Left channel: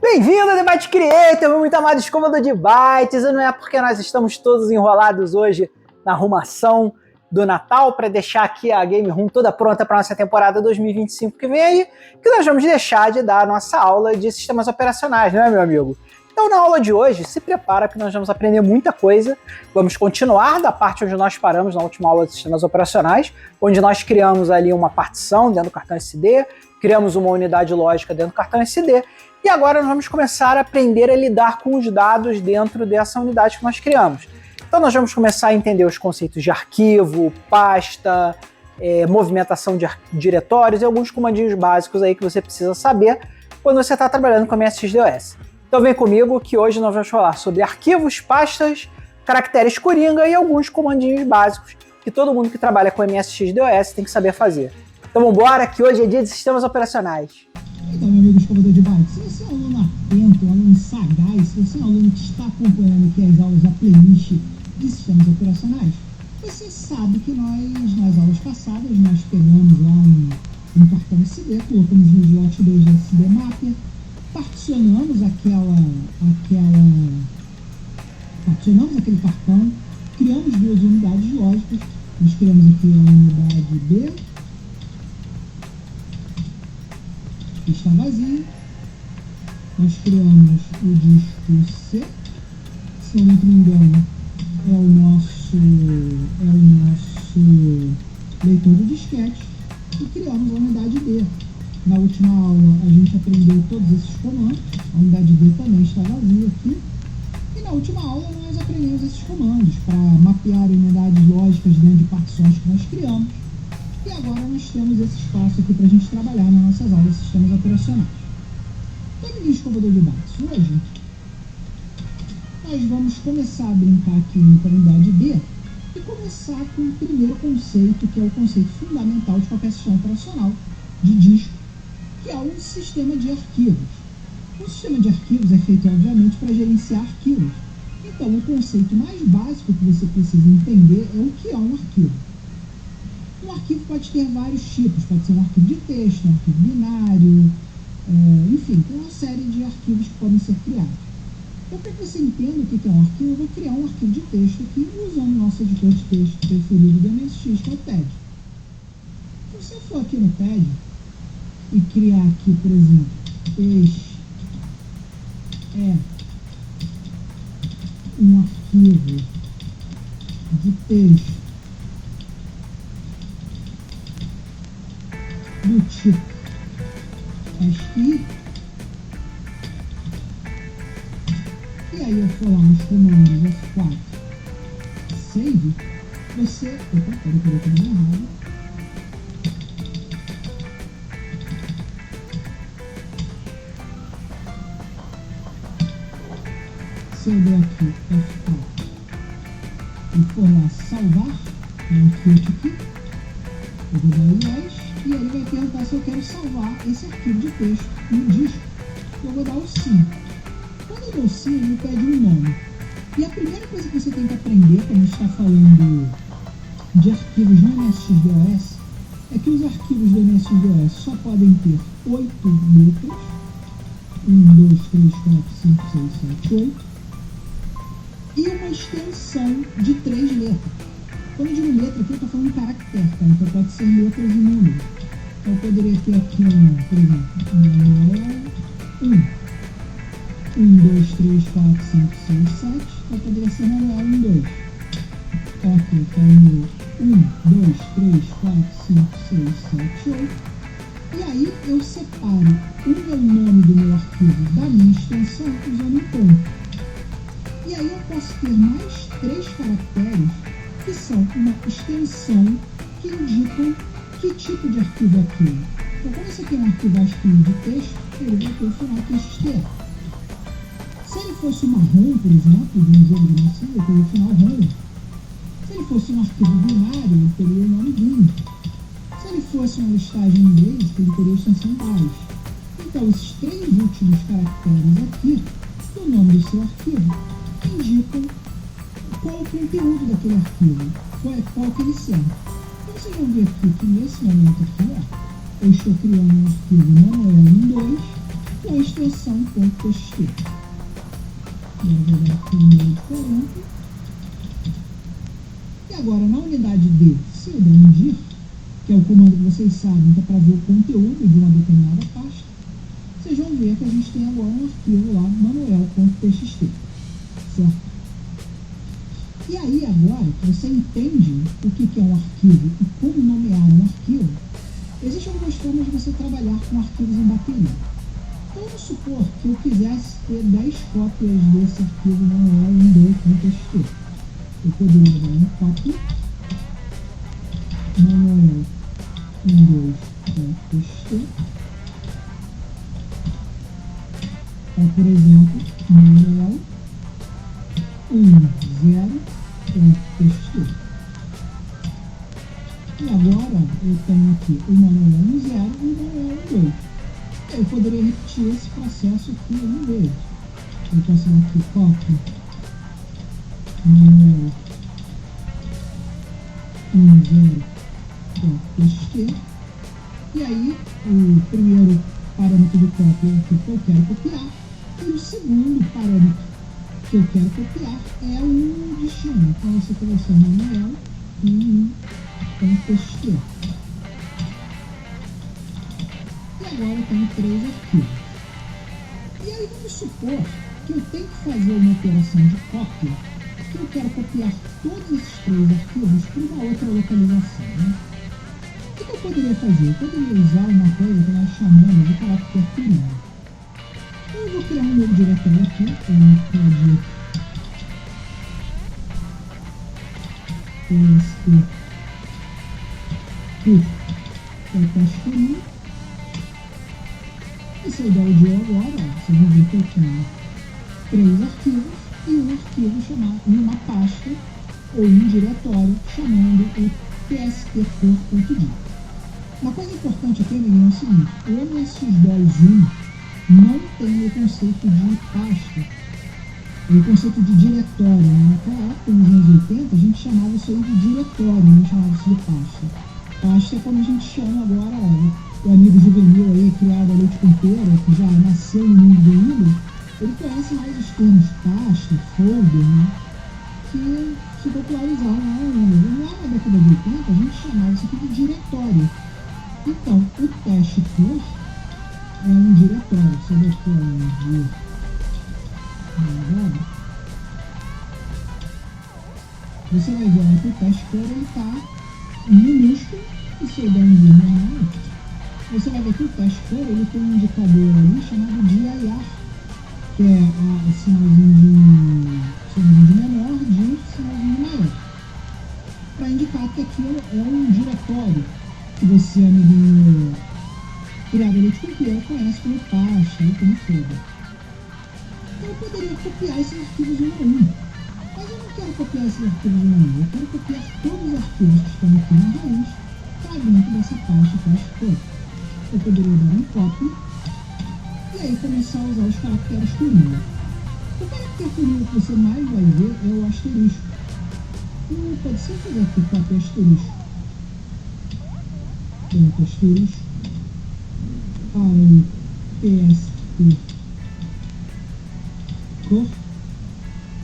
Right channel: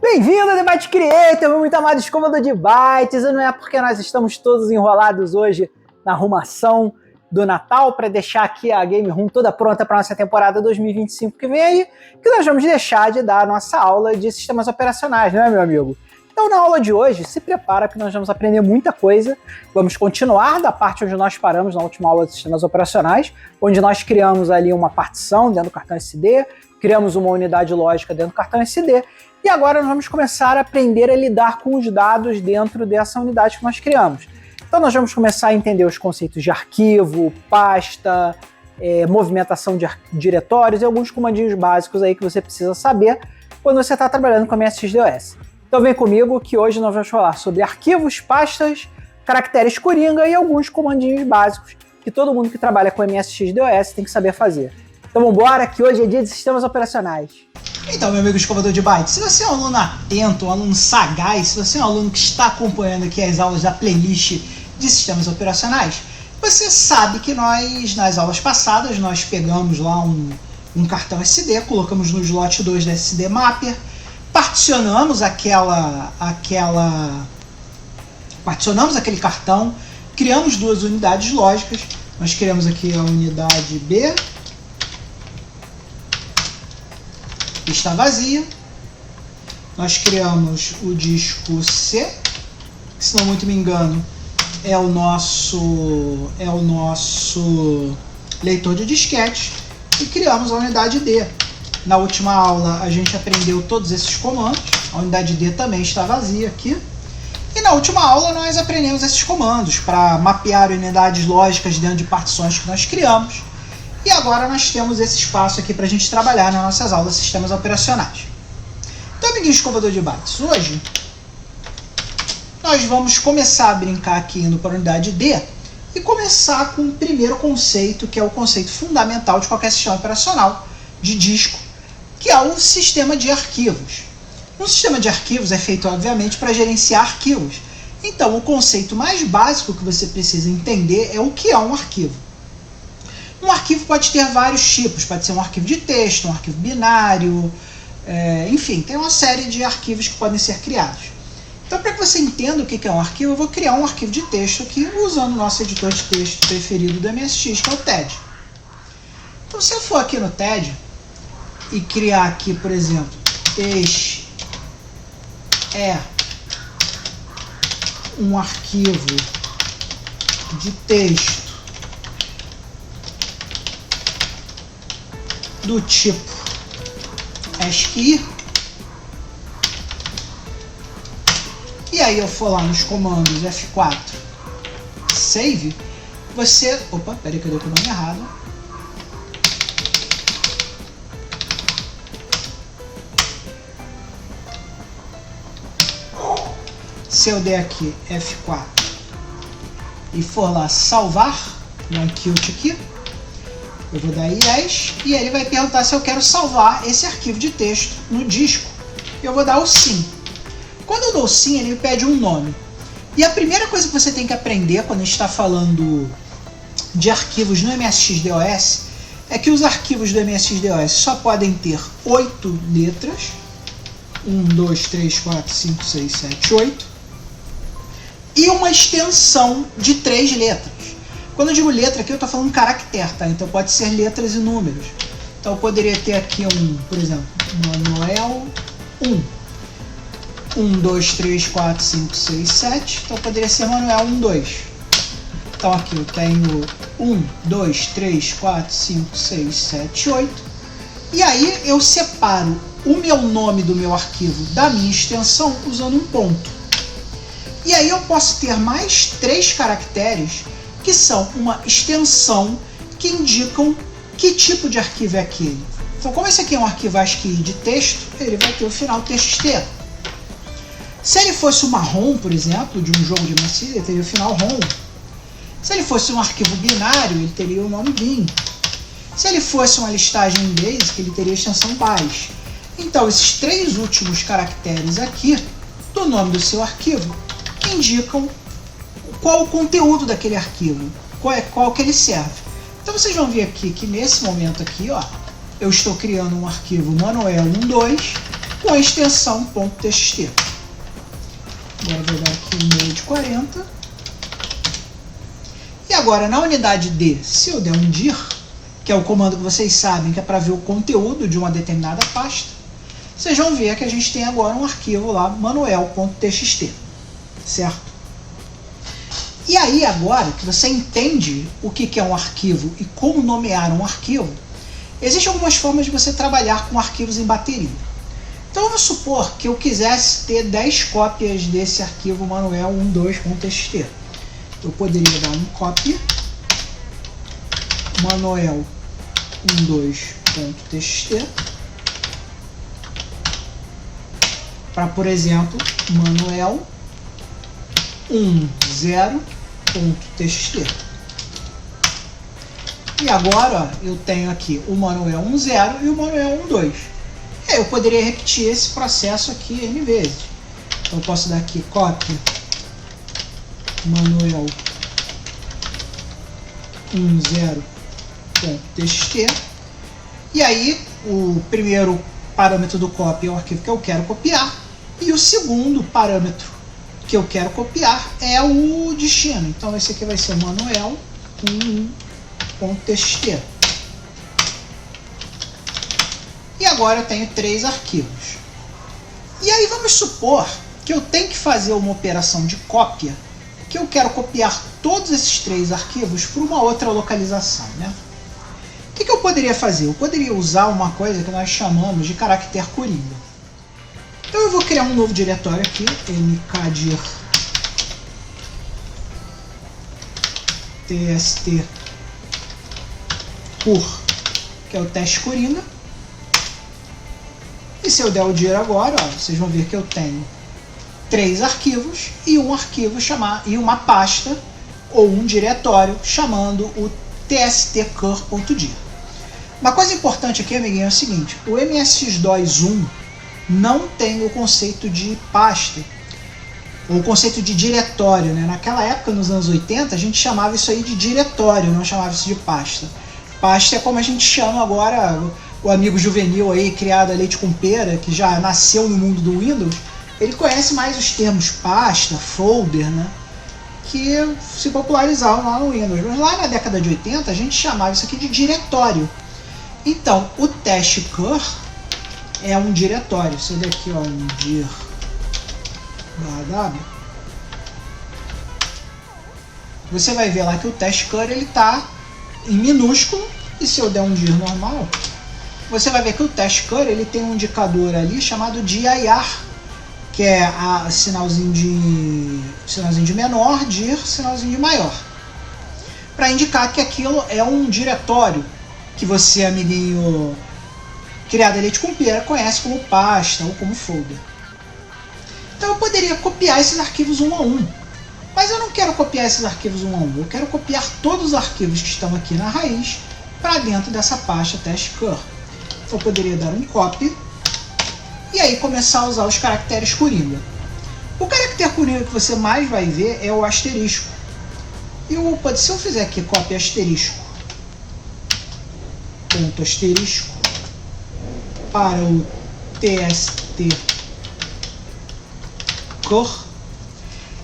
Bem-vindo ao Debate Creator, meu muito amado escovador de bytes. E não é porque nós estamos todos enrolados hoje na arrumação do Natal para deixar aqui a Game Room toda pronta para a nossa temporada 2025 que vem aí, que nós vamos deixar de dar a nossa aula de sistemas operacionais, não é, meu amigo? Então, na aula de hoje, se prepara que nós vamos aprender muita coisa. Vamos continuar da parte onde nós paramos na última aula de sistemas operacionais, onde nós criamos ali uma partição dentro do cartão SD, criamos uma unidade lógica dentro do cartão SD, e agora nós vamos começar a aprender a lidar com os dados dentro dessa unidade que nós criamos. Então nós vamos começar a entender os conceitos de arquivo, pasta, movimentação de diretórios e alguns comandinhos básicos aí que você precisa saber quando você está trabalhando com a MSX-DOS. Então vem comigo que hoje nós vamos falar sobre arquivos, pastas, caracteres coringa e alguns comandinhos básicos que todo mundo que trabalha com MSX-DOS tem que saber fazer. Então vamos embora, que hoje é dia de sistemas operacionais. Então, meu amigo escovador de bytes, se você é um aluno atento, um aluno sagaz, se você é um aluno que está acompanhando aqui as aulas da playlist de sistemas operacionais, você sabe que nós, nas aulas passadas, nós pegamos lá um cartão SD, colocamos no slot 2 da SD Mapper, particionamos particionamos aquele cartão, criamos duas unidades lógicas. Nós criamos aqui a unidade B, que está vazia. Nós criamos o disco C, que, se não muito me engano, é o nosso leitor de disquete, e criamos a unidade D. Na última aula a gente aprendeu todos esses comandos, a unidade D também está vazia aqui. E na última aula nós aprendemos esses comandos para mapear unidades lógicas dentro de partições que nós criamos. E agora nós temos esse espaço aqui para a gente trabalhar nas nossas aulas de sistemas operacionais. Então, amiguinho escovador de bytes, hoje nós vamos começar a brincar aqui indo para a unidade D e começar com o primeiro conceito, que é o conceito fundamental de qualquer sistema operacional de disco, que é o sistema de arquivos. Um sistema de arquivos é feito, obviamente, para gerenciar arquivos. Então, o conceito mais básico que você precisa entender é o que é um arquivo. Um arquivo pode ter vários tipos, pode ser um arquivo de texto, um arquivo binário, enfim, tem uma série de arquivos que podem ser criados. Então, para que você entenda o que é um arquivo, eu vou criar um arquivo de texto aqui, usando o nosso editor de texto preferido do MSX, que é o TED. Então, se eu for aqui no TED e criar aqui, por exemplo, este é um arquivo de texto do tipo ASCII, e aí eu for lá nos comandos F4 save, você... Opa, peraí que eu dei o nome errado. Se eu der aqui F4 e for lá salvar, no Qt aqui, eu vou dar yes, e ele vai perguntar se eu quero salvar esse arquivo de texto no disco. Eu vou dar o sim. Quando eu dou o sim, ele me pede um nome. E a primeira coisa que você tem que aprender quando a gente está falando de arquivos no MSX-DOS é que os arquivos do MSX-DOS só podem ter 8 letras. 1, 2, 3, 4, 5, 6, 7, 8. E uma extensão de 3 letras. Quando eu digo letra aqui, eu estou falando caractere, tá? Então pode ser letras e números. Então eu poderia ter aqui por exemplo, Manuel 1. 1, 2, 3, 4, 5, 6, 7. Então poderia ser Manuel 1, 2. Então aqui eu tenho 1, 2, 3, 4, 5, 6, 7, 8. E aí eu separo o meu nome do meu arquivo da minha extensão usando um ponto. E aí eu posso ter mais 3 caracteres que são uma extensão que indicam que tipo de arquivo é aquele. Então, como esse aqui é um arquivo ASCII de texto, ele vai ter o final TXT. Se ele fosse uma ROM, por exemplo, de um jogo de MSX, ele teria o final ROM. Se ele fosse um arquivo binário, ele teria o nome bin. Se ele fosse uma listagem em BASIC, ele teria a extensão BAS. Então, esses 3 últimos caracteres aqui do nome do seu arquivo indicam qual o conteúdo daquele arquivo, qual que ele serve. Então vocês vão ver aqui que nesse momento aqui, ó, eu estou criando um arquivo Manuel 1.2 com a extensão .txt. Agora vou dar aqui um meio de 40. E agora na unidade D, se eu der um dir, que é o comando que vocês sabem que é para ver o conteúdo de uma determinada pasta, vocês vão ver que a gente tem agora um arquivo lá, manuel.txt, certo? E aí agora que você entende o que é um arquivo e como nomear um arquivo, existem algumas formas de você trabalhar com arquivos em bateria. Então vamos supor que eu quisesse ter 10 cópias desse arquivo manuel12.txt. Eu poderia dar um copy manuel12.txt para, por exemplo, manuel10.txt. E agora ó, eu tenho aqui o manuel10 e o manuel12. Eu poderia repetir esse processo aqui N vezes. Então eu posso dar aqui copy manuel10.txt. E aí o primeiro parâmetro do copy é o arquivo que eu quero copiar. E o segundo parâmetro que eu quero copiar é o destino. Então esse aqui vai ser manuel11.txt. E agora eu tenho 3 arquivos. E aí vamos supor que eu tenho que fazer uma operação de cópia, que eu quero copiar todos esses 3 arquivos para uma outra localização, né? O que eu poderia fazer? Eu poderia usar uma coisa que nós chamamos de caractere coringa. Então eu vou criar um novo diretório aqui, mkdir tst cur, que é o teste coringa. E se eu der o dir agora, ó, vocês vão ver que eu tenho 3 arquivos e um arquivo e uma pasta ou um diretório chamando o tstcur.dir. Uma coisa importante aqui, amiguinho, é o seguinte: o MSX2 não tem o conceito de pasta, ou o conceito de diretório, né? Naquela época, nos anos 80, a gente chamava isso aí de diretório, não chamava isso de pasta. Pasta é como a gente chama agora o amigo juvenil aí, criado a leite com pera, que já nasceu no mundo do Windows. Ele conhece mais os termos pasta, folder, né? Que se popularizaram lá no Windows. Mas lá na década de 80 a gente chamava isso aqui de diretório. Então, o testcur é um diretório. Você vê aqui, ó, um dir .w. Você vai ver lá que o testcur ele está em minúsculo, e se eu der um dir normal, você vai ver que o testcur ele tem um indicador ali chamado dir, que é sinalzinho de menor, dir, sinalzinho de maior, para indicar que aquilo é um diretório que você, amiguinho criado a leite com pera, conhece como pasta ou como folder. Então eu poderia copiar esses arquivos um a um, mas eu não quero copiar esses arquivos um a um, eu quero copiar todos os arquivos que estão aqui na raiz para dentro dessa pasta testcur. Eu poderia dar um copy e aí começar a usar os caracteres coringa. O caractere coringa que você mais vai ver é o asterisco. Se eu fizer aqui copy asterisco, ponto asterisco, para o tstcur,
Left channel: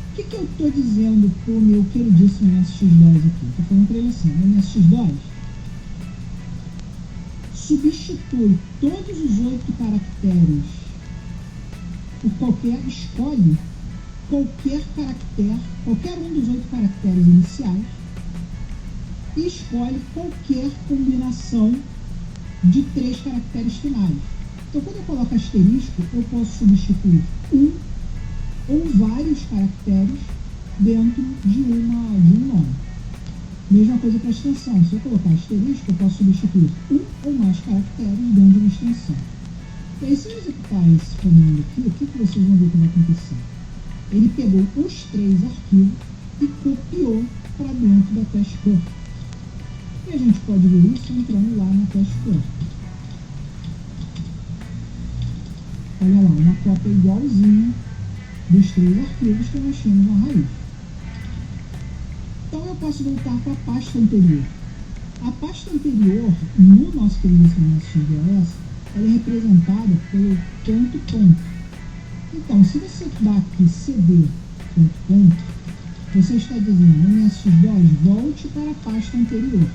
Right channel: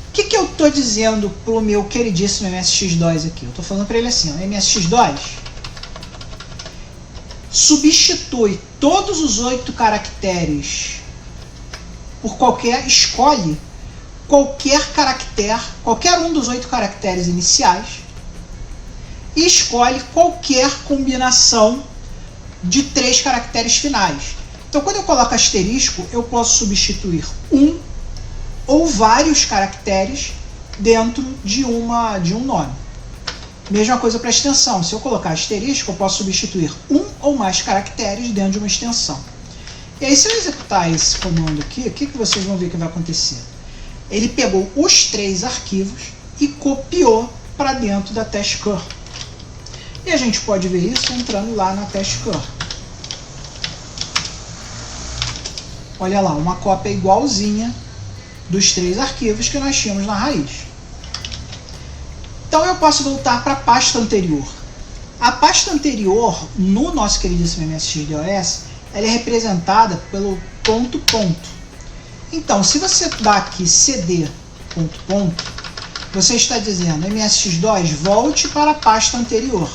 o que eu estou dizendo para o meu queridíssimo MSX2 aqui? Eu estou falando para ele assim, ó, MSX2, substitui todos os 8 caracteres por escolhe qualquer caractere, qualquer um dos 8 caracteres iniciais, e escolhe qualquer combinação de 3 caracteres finais. Então, quando eu coloco asterisco, eu posso substituir um ou vários caracteres dentro de um nome. Mesma coisa para extensão. Se eu colocar asterisco, eu posso substituir um ou mais caracteres dentro de uma extensão. E aí, se eu executar esse comando aqui, o que vocês vão ver que vai acontecer? Ele pegou os 3 arquivos e copiou para dentro da testcur. E a gente pode ver isso entrando lá na testcur. Olha lá, uma cópia igualzinha dos 3 arquivos que nós tínhamos na raiz. Então eu posso voltar para a pasta anterior. A pasta anterior, no nosso queridíssimo MSX DOS, ela é representada pelo ponto, ponto. Então, se você dá aqui cd, ponto, ponto, você está dizendo MSX2 volte para a pasta anterior.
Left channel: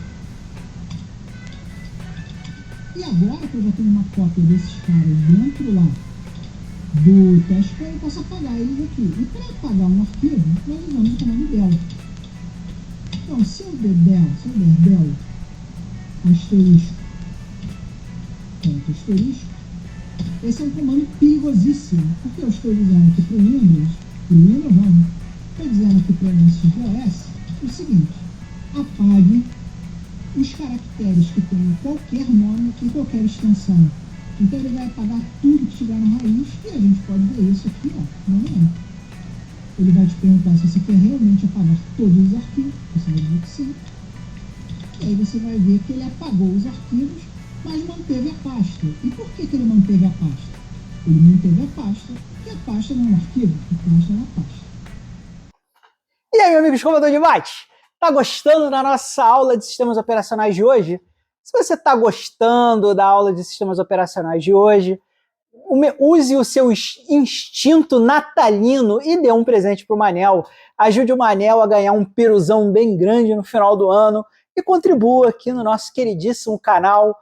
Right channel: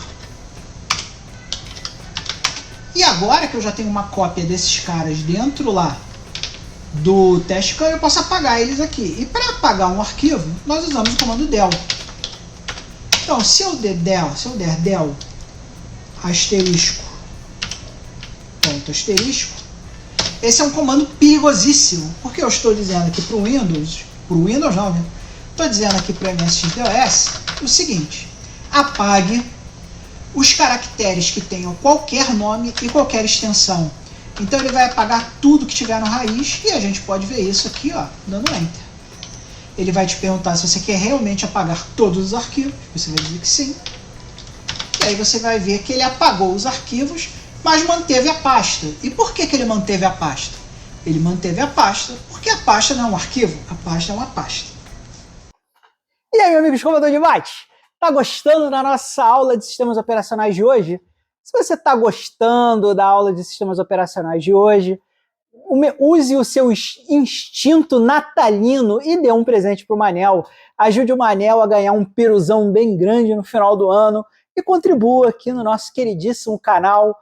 E agora que eu já tenho uma cópia desses caras dentro lá do teste, eu posso apagar eles aqui. E para apagar um arquivo, nós usamos o comando del. Então, se eu der del asterisco, ponto asterisco, esse é um comando perigosíssimo, porque eu estou dizendo aqui para o Windows não, né? Estou dizendo aqui para o MSX-DOS o seguinte: apague os caracteres que tenham qualquer nome e qualquer extensão. Então ele vai apagar tudo que tiver no raiz, e a gente pode ver isso aqui, ó, dando Enter. Ele vai te perguntar se você quer realmente apagar todos os arquivos, você vai dizer que sim. E aí você vai ver que ele apagou os arquivos, mas manteve a pasta. E por que ele manteve a pasta? Ele manteve a pasta porque a pasta não é um arquivo, a pasta é uma pasta. E aí, meu amigo escovador de bytes? Tá gostando da nossa aula de sistemas operacionais de hoje? Se você está gostando da aula de sistemas operacionais de hoje, use o seu instinto natalino e dê um presente para o Manel. Ajude o Manel a ganhar um piruzão bem grande no final do ano e contribua aqui no nosso queridíssimo canal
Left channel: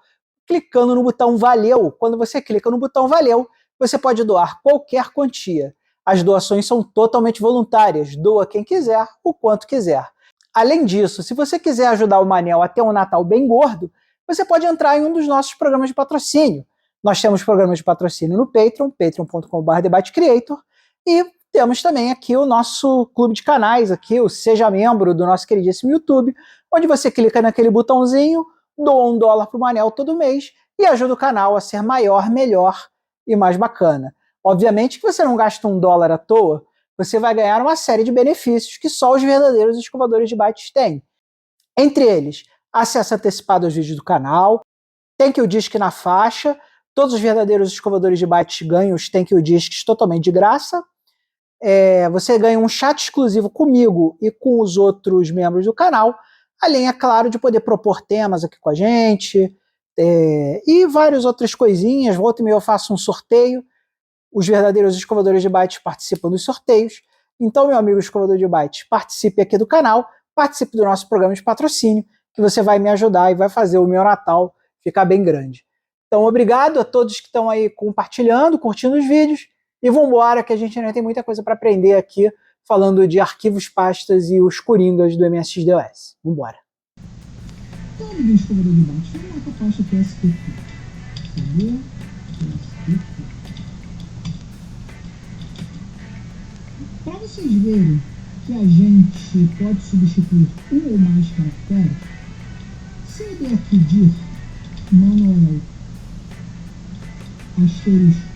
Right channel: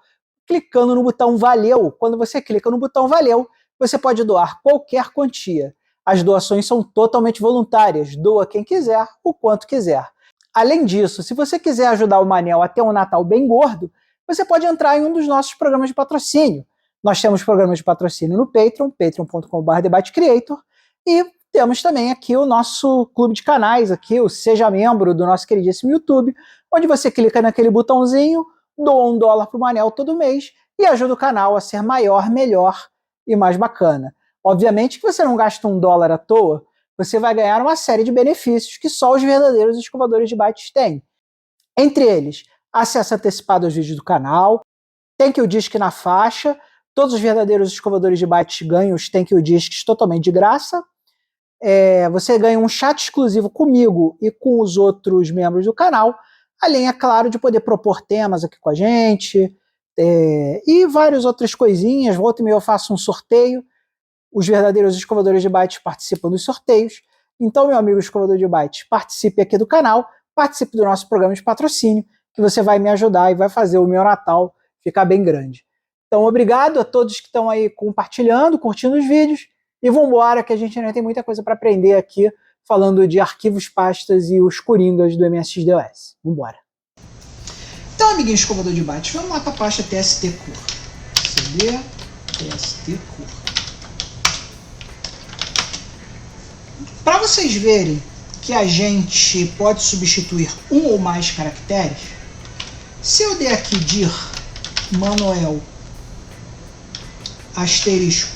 clicando no botão Valeu. Quando você clica no botão Valeu, você pode doar qualquer quantia. As doações são totalmente voluntárias. Doa quem quiser, o quanto quiser. Além disso, se você quiser ajudar o Manel a ter um Natal bem gordo, você pode entrar em um dos nossos programas de patrocínio. Nós temos programas de patrocínio no Patreon, patreon.com/debatecreator, e temos também aqui o nosso clube de canais, aqui, o Seja Membro do nosso queridíssimo YouTube, onde você clica naquele botãozinho, doa $1 para o Manel todo mês e ajuda o canal a ser maior, melhor e mais bacana. Obviamente que você não gasta $1 à toa, você vai ganhar uma série de benefícios que só os verdadeiros escovadores de bytes têm. Entre eles, acesso antecipado aos vídeos do canal, Thank You Disc na faixa, todos os verdadeiros escovadores de bytes ganham os Thank You Discs totalmente de graça, você ganha um chat exclusivo comigo e com os outros membros do canal, além, é claro, de poder propor temas aqui com a gente, e várias outras coisinhas. Volta e meia eu faço um sorteio, os verdadeiros escovadores de bytes participam dos sorteios. Então, meu amigo escovador de bytes, participe aqui do canal, participe do nosso programa de patrocínio, que você vai me ajudar e vai fazer o meu Natal ficar bem grande. Então, obrigado a todos que estão aí compartilhando, curtindo os vídeos, e vamos embora que a gente ainda tem muita coisa para aprender aqui, falando de arquivos, pastas e os coringas do MSX-DOS. Vamos embora. Então, amiguinho escovador de bytes, vamos lá para a pasta tst-cur. CD, tst-cur. Para vocês verem que a gente pode substituir um ou mais caracteres, se eu der aqui dir manuel asterisco,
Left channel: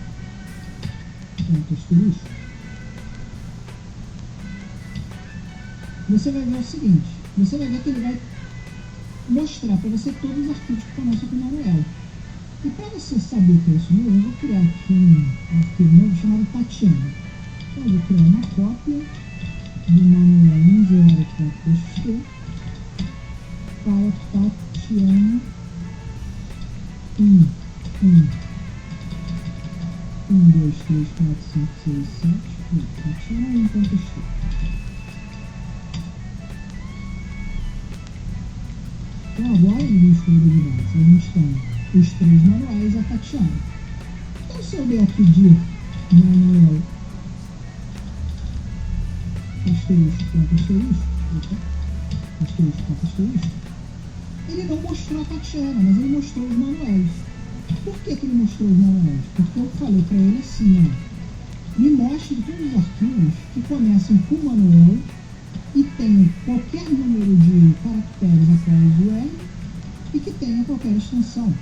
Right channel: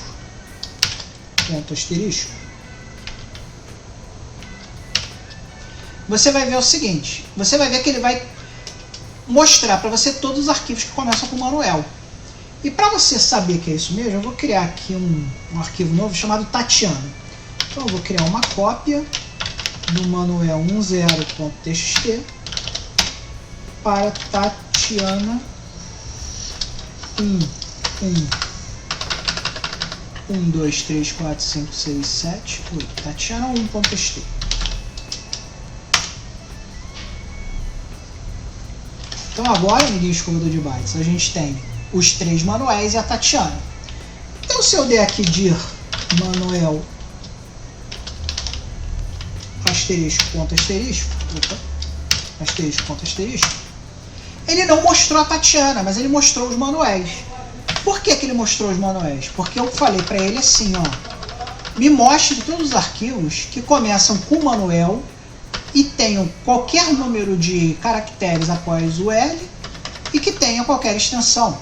ponto asterisco, você vai ver o seguinte, você vai ver que ele vai mostrar para você todos os arquivos que começam com manuel. E para você saber que é isso mesmo, eu vou criar aqui um arquivo novo chamado Tatiana. Então eu vou criar uma cópia do manuel 10.txt para Tatiana 1, 2, 3, 4, 5, 6, 7, 8. Tatiana 1.txt. Então agora, amiguinho escovador de bytes, a gente tem os 3 manuais e a Tatiana. Então se eu der aqui dir manuel asterisco, ponto asterisco, asterisco, ponto asterisco, ele não mostrou a Tatiana, mas ele mostrou os manuais. Por que ele mostrou os manuais? Porque eu falei para ele assim, ó, me mostre todos os arquivos que começam com manuel e tenham qualquer número de caracteres após o L e que tenham qualquer extensão.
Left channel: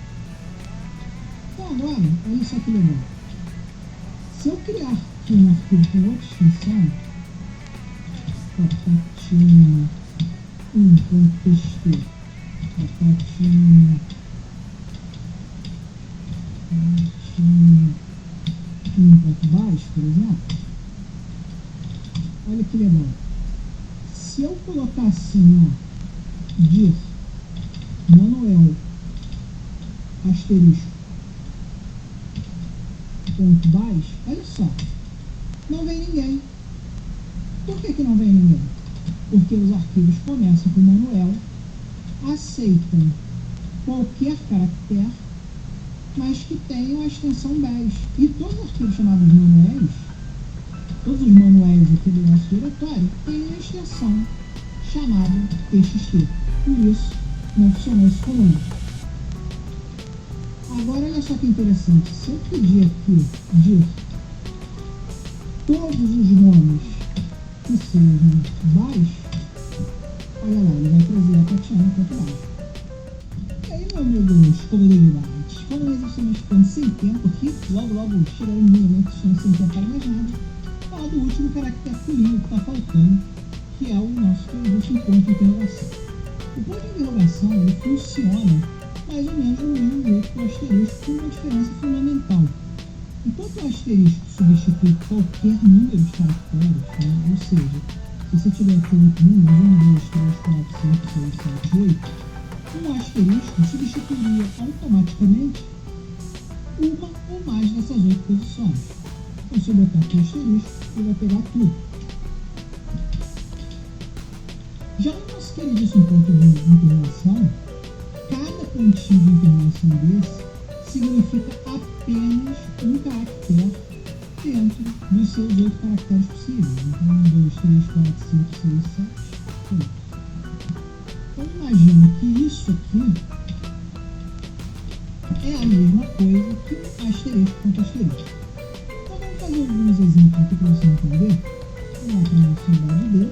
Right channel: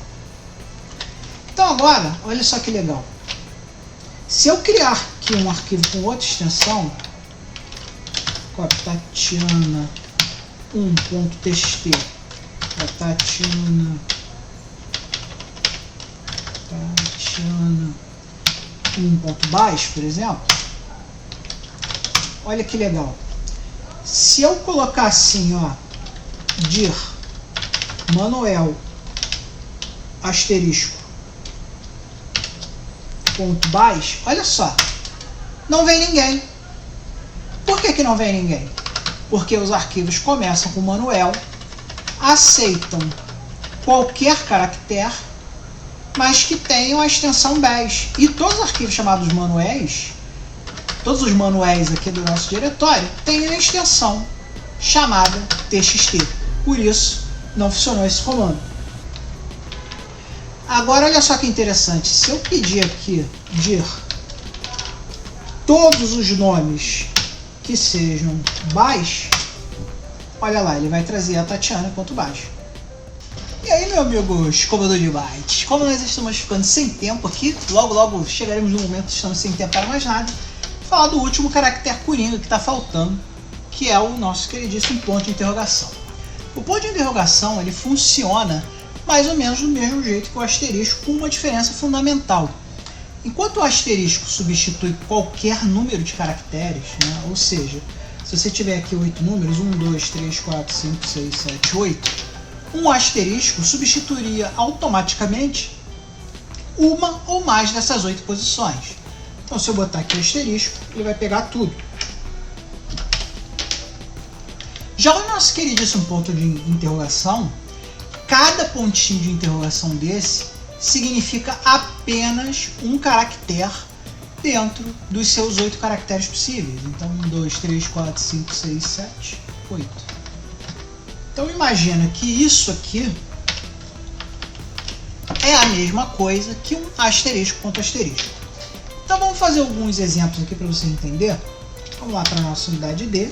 Então agora, olha só que legal. Se eu criar aqui um arquivo com outra extensão, Tatiana 1.txt, Tatiana 1.baixo, por exemplo, olha que legal. Se eu colocar assim, ó, dir manuel asterisco .bas, olha só, não vem ninguém. Por que não vem ninguém? Porque os arquivos começam com manuel, aceitam qualquer caractere, mas que tenham a extensão bas. E todos os arquivos chamados manuais, todos os manuais aqui do nosso diretório, têm uma extensão chamada txt. Por isso, não funcionou esse comando. Agora, olha só que interessante. Se eu pedir aqui dir todos os nomes que sejam bas, olha lá, ele vai trazer a Tatiana.bas. E aí, meu amigo escovador de bytes, como nós estamos ficando sem tempo aqui, logo chegaremos no momento que estamos sem tempo para mais nada, vou falar do último caractere coringa que está faltando, que é o nosso queridíssimo ponto de interrogação. O ponto de interrogação ele funciona mais ou menos do mesmo jeito que o asterisco, com uma diferença fundamental. Enquanto o asterisco substitui qualquer número de caracteres, né, ou seja, se você tiver aqui 8 números, 1, 2, 3, 4, 5, 6, 7, 8, um asterisco substituiria automaticamente uma ou mais dessas 8 posições. Então, se eu botar aqui o asterisco, ele vai pegar tudo. Já o nosso queridíssimo ponto de interrogação, cada pontinho de interrogação desse significa apenas um caractere dentro dos seus 8 caracteres possíveis. Então, 1, 2, 3, 4, 5, 6, 7, 8. Então, imagina que isso aqui é a mesma coisa que um asterisco ponto asterisco. Então, vamos fazer alguns exemplos aqui para você entender. Vamos lá para a nossa unidade D.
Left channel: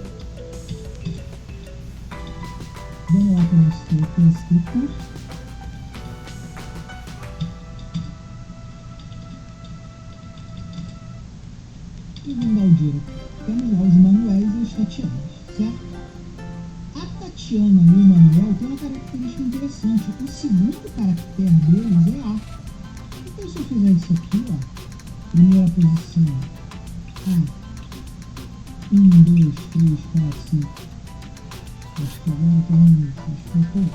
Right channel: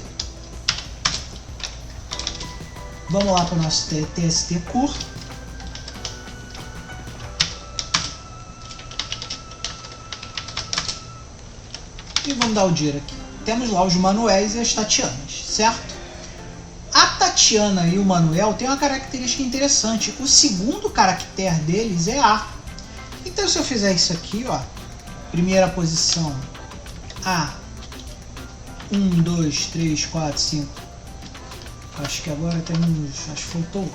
Vamos lá para o nosso TST curto. E vamos dar o dir aqui. Temos lá os manuéis e as Tatianas, certo? A Tatiana e o Manuel têm uma característica interessante. O segundo caractere deles é A. Então, se eu fizer isso aqui, ó, primeira posição A, 1, 2, 3, 4, 5. Acho que agora temos. Acho que faltou.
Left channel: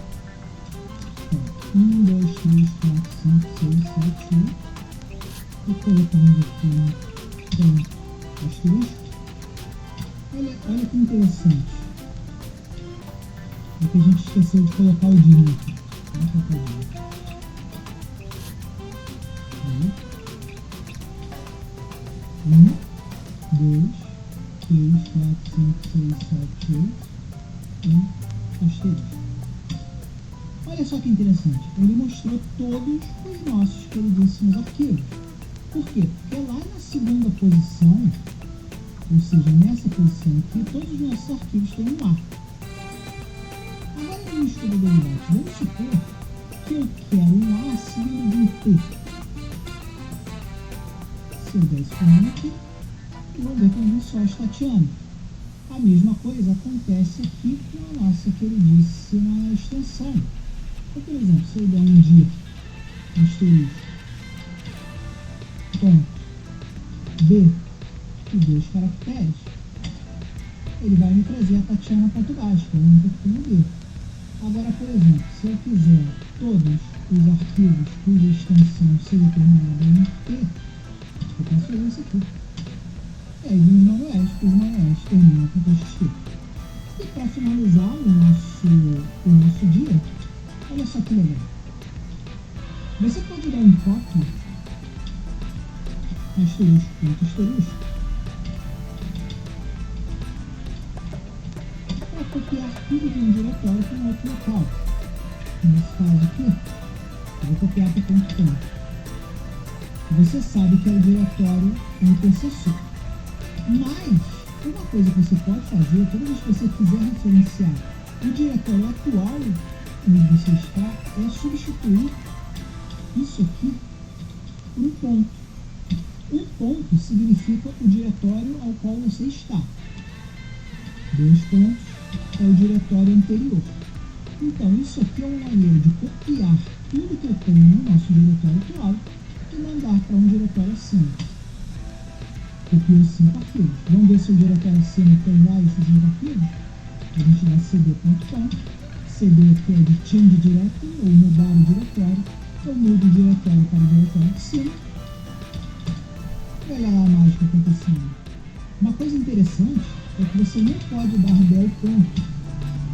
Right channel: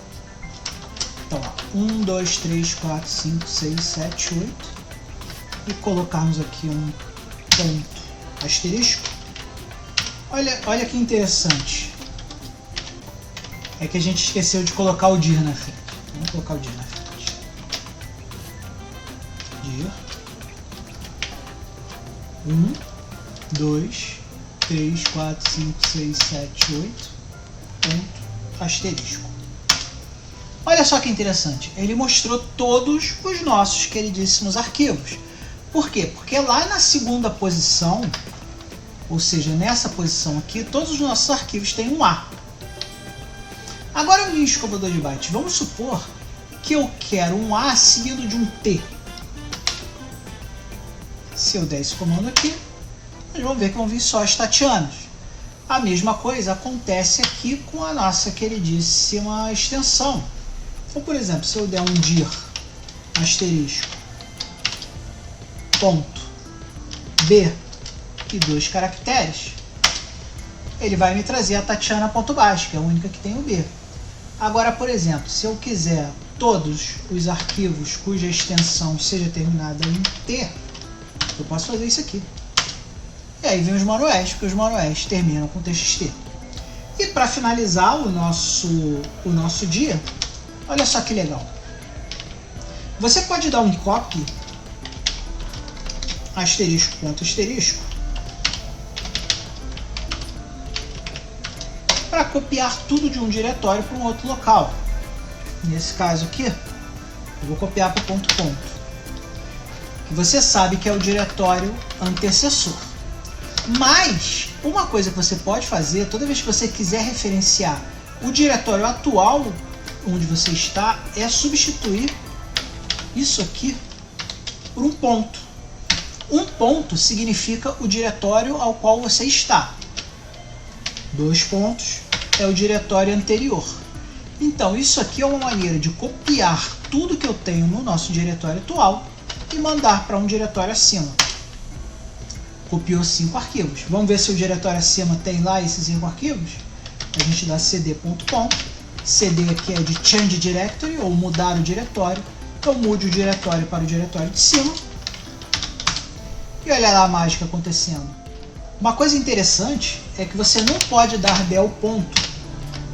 Então, 1, 2, 3, 4, 5, 6, 7, 8. E colocarmos aqui um ponto asterisco. Olha que interessante. É que a gente esqueceu de colocar o dir na frente. Vamos colocar o dir na frente. Dir. 1, 2, 3, 4, 5, 6, 7, 8. Ponto asterisco. Olha só que interessante, ele mostrou todos os nossos queridíssimos arquivos. Por quê? Porque lá na segunda posição, ou seja, nessa posição aqui, todos os nossos arquivos têm um A. Agora, meu escovador de bytes, vamos supor que eu quero um A seguido de um T. Se eu der esse comando aqui, nós vamos ver que vão vir só as Tatianas. A mesma coisa acontece aqui com a nossa queridíssima extensão. Então, por exemplo, se eu der um dir asterisco ponto B e 2 caracteres, ele vai me trazer a Tatiana.bas, que é a única que tem o B. Agora, por exemplo, se eu quiser todos os arquivos cuja extensão seja terminada em T, eu posso fazer isso aqui. E aí vem os manuais, porque os manuais terminam com txt. E para finalizar o nosso dia, olha só que legal. Você pode dar um copy asterisco ponto asterisco para copiar tudo de um diretório para um outro local. Nesse caso aqui, eu vou copiar para o ponto. Que você sabe que é o diretório antecessor. Mas, uma coisa que você pode fazer, toda vez que você quiser referenciar o diretório atual onde você está, é substituir isso aqui por um ponto. Um ponto significa o diretório ao qual você está. 2 pontos é o diretório anterior. Então, isso aqui é uma maneira de copiar tudo que eu tenho no nosso diretório atual e mandar para um diretório acima. Copiou 5 arquivos. Vamos ver se o diretório acima tem lá esses 5 arquivos. A gente dá cd.com. cd aqui é de change directory, ou mudar o diretório. Então mude o diretório para o diretório de cima. E olha lá a mágica acontecendo. Uma coisa interessante é que você não pode dar del ponto.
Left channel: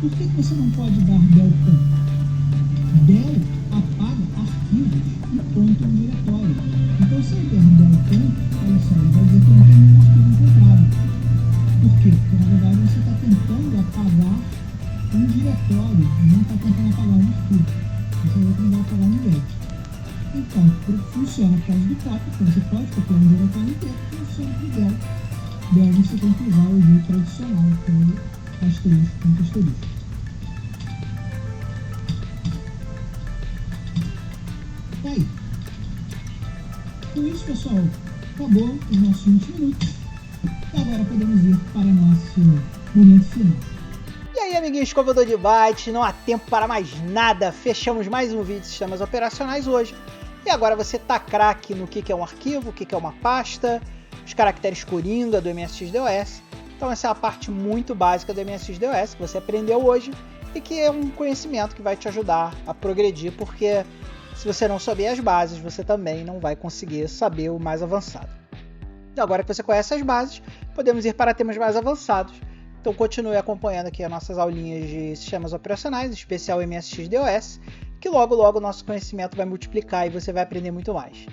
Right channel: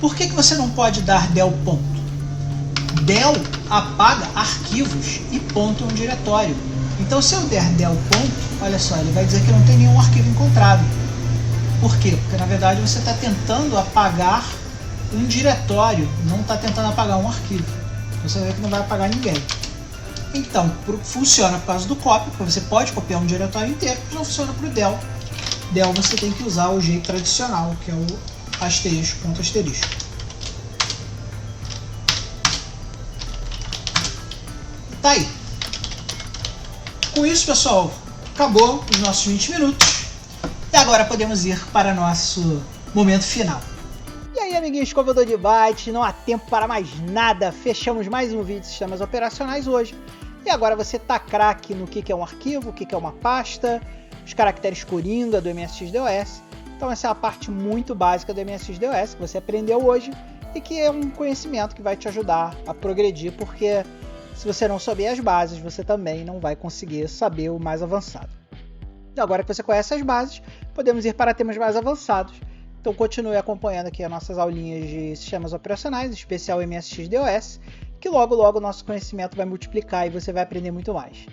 Por que você não pode dar del ponto? Del apaga arquivos e ponto é um diretório. Então se eu der del ponto, olha só, ele vai dizer que não tem nenhum arquivo encontrado. Por quê? Porque na verdade você está tentando apagar um diretório, não está tentando apagar um arquivo. Você vê que não vai apagar ninguém. Então, funciona por causa do copy, porque você pode copiar um diretório inteiro, mas não funciona para o del. Del você tem que usar o jeito tradicional, que é o asterisco, ponto asterisco. Tá aí. Com isso, pessoal, acabou os nossos 20 minutos. E agora podemos ir para nosso momento final. E aí, amiguinhos, escovador de bytes, não há tempo para mais nada. Fechamos mais um vídeo de sistemas operacionais hoje. E agora você tá craque no que é um arquivo, o que é uma pasta, os caracteres coringa do MSX-DOS. Então essa é a parte muito básica do MSX-DOS que você aprendeu hoje e que é um conhecimento que vai te ajudar a progredir, porque se você não souber as bases, você também não vai conseguir saber o mais avançado. E agora que você conhece as bases, podemos ir para temas mais avançados. Então continue acompanhando aqui as nossas aulinhas de sistemas operacionais, especial MSX-DOS, que logo logo o nosso conhecimento vai multiplicar e você vai aprender muito mais.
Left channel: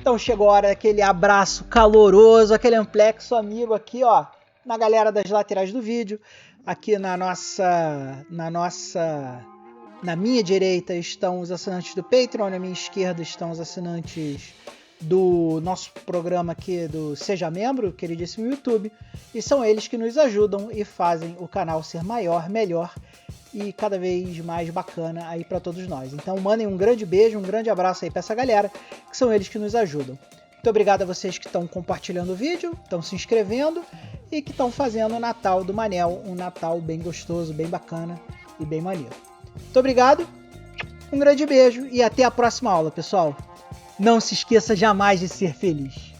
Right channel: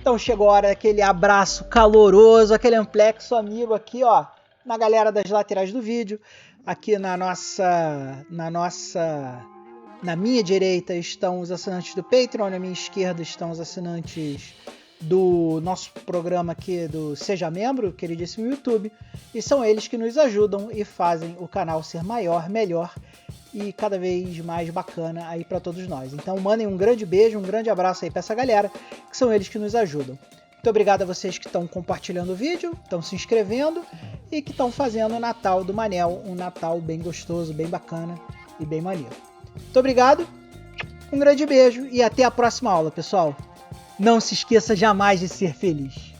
Então chegou a hora daquele abraço caloroso, aquele amplexo amigo aqui, ó, na galera das laterais do vídeo. Aqui na minha direita estão os assinantes do Patreon, na minha esquerda estão os assinantes do nosso programa aqui do Seja Membro, queridíssimo YouTube, e são eles que nos ajudam e fazem o canal ser maior, melhor e cada vez mais bacana aí para todos nós. Então mandem um grande beijo, um grande abraço aí para essa galera, que são eles que nos ajudam. Muito obrigado a vocês que estão compartilhando o vídeo, estão se inscrevendo e que estão fazendo o Natal do Manel, um Natal bem gostoso, bem bacana e bem maneiro. Muito obrigado, um grande beijo e até a próxima aula, pessoal. Não se esqueça jamais de ser feliz.